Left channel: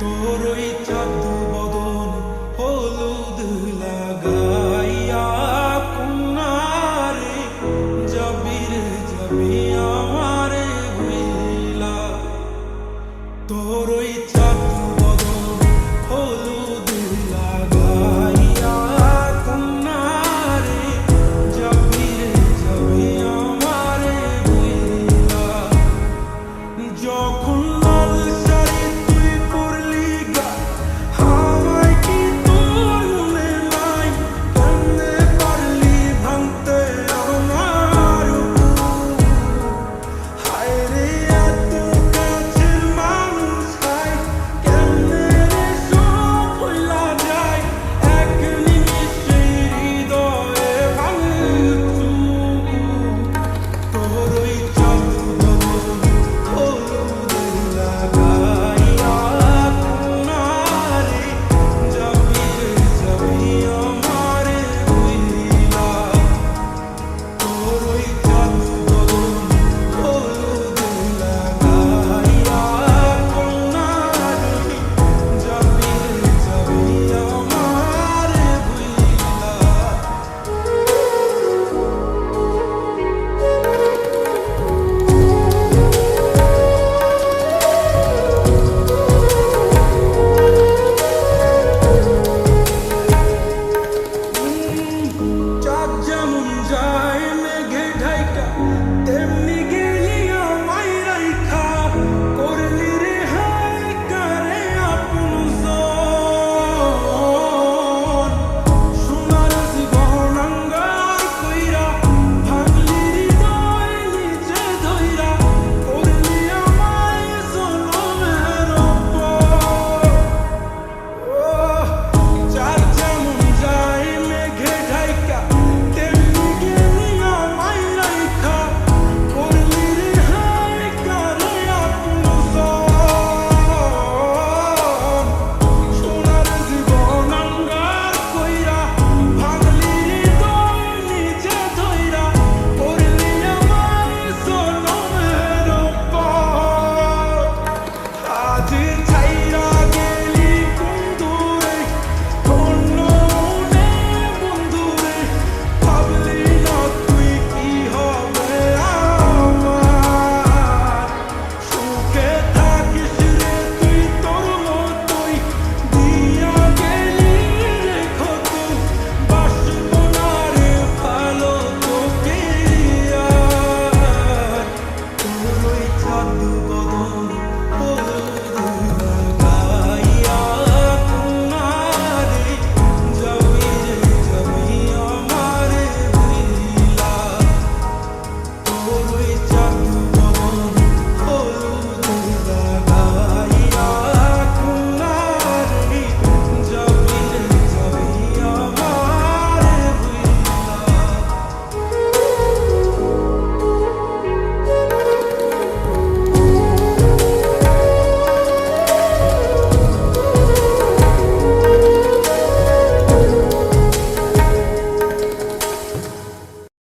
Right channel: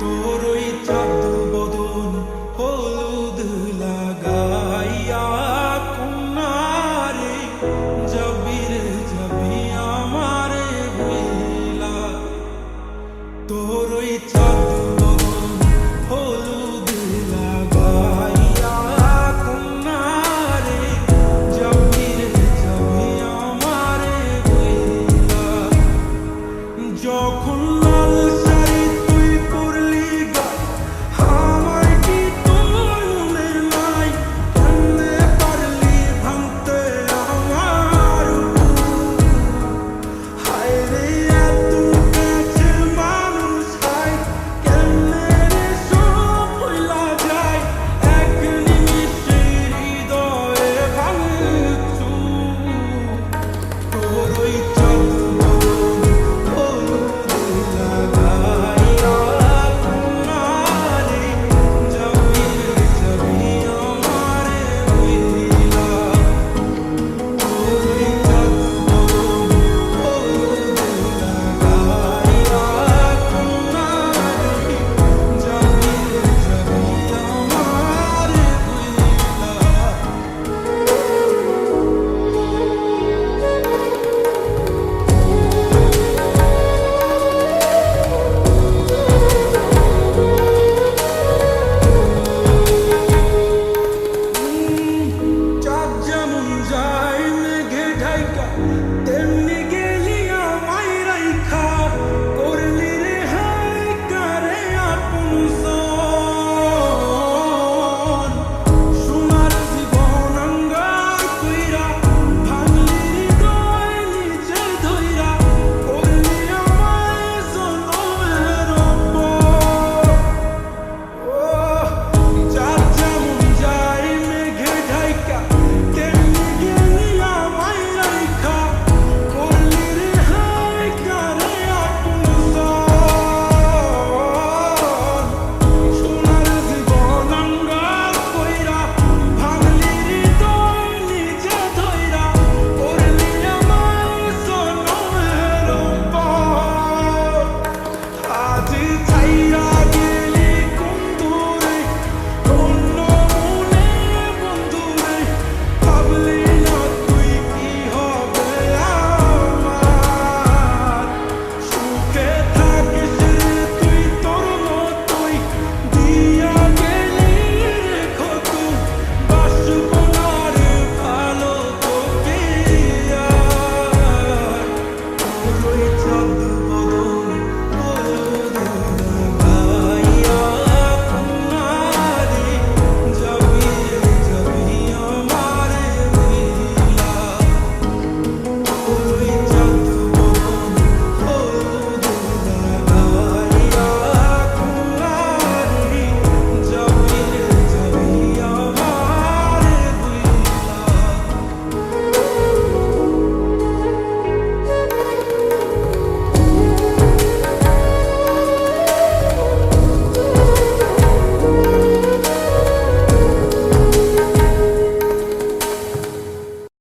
তোর ওই চাঁদ বদন হলুদ লাগাইয়া কন্যারে যাবি আমারে ভুইলা। তোর ওই চাঁদ বদন হলুদ লাগাইয়া কন্যারে যাবি আমারে ভুইলা। যখন লাল শাড়ি তুই পরলি গায় আমায় কি তোর মনে নাই? কেমনে পারলি ভাঙতে আমার বুক? হায় রে এত কাছের মানুষ, হায় কেমনে রে সব ভুইলা যায় এক নিমিষে হৃদয়ে ভাঙচুর। তোর ওই চাঁদ বদন হলুদ লাগাইয়া কন্যারে যাবি আমারে ভুইলা। তোর ওই চাঁদ বদন হলুদ লাগাইয়া কন্যারে যাবি আমারে ভুইলা। চাঁদ যেমন যায় মেঘে ঢাইকা তেমনি গেলি আমায় রাইখা। করলি রে হায় কারে আপনজন, সোনার জীবন আঙ্গার কইরা ভাঙলি হৃদয় নিজে ধইরা। করলি আমায় জনমের উপর। ও চাঁদ যেমন যায় মেঘে ঢাইকা তেমনি গেলি আমায় রাইখা। করলি রে হায় কারে আপনজন, সোনার জীবন আঙ্গার কইরা ভাঙলি হৃদয় নিজে ধইরা। করলি আমায় জনমের উপর। আজ ছাইরা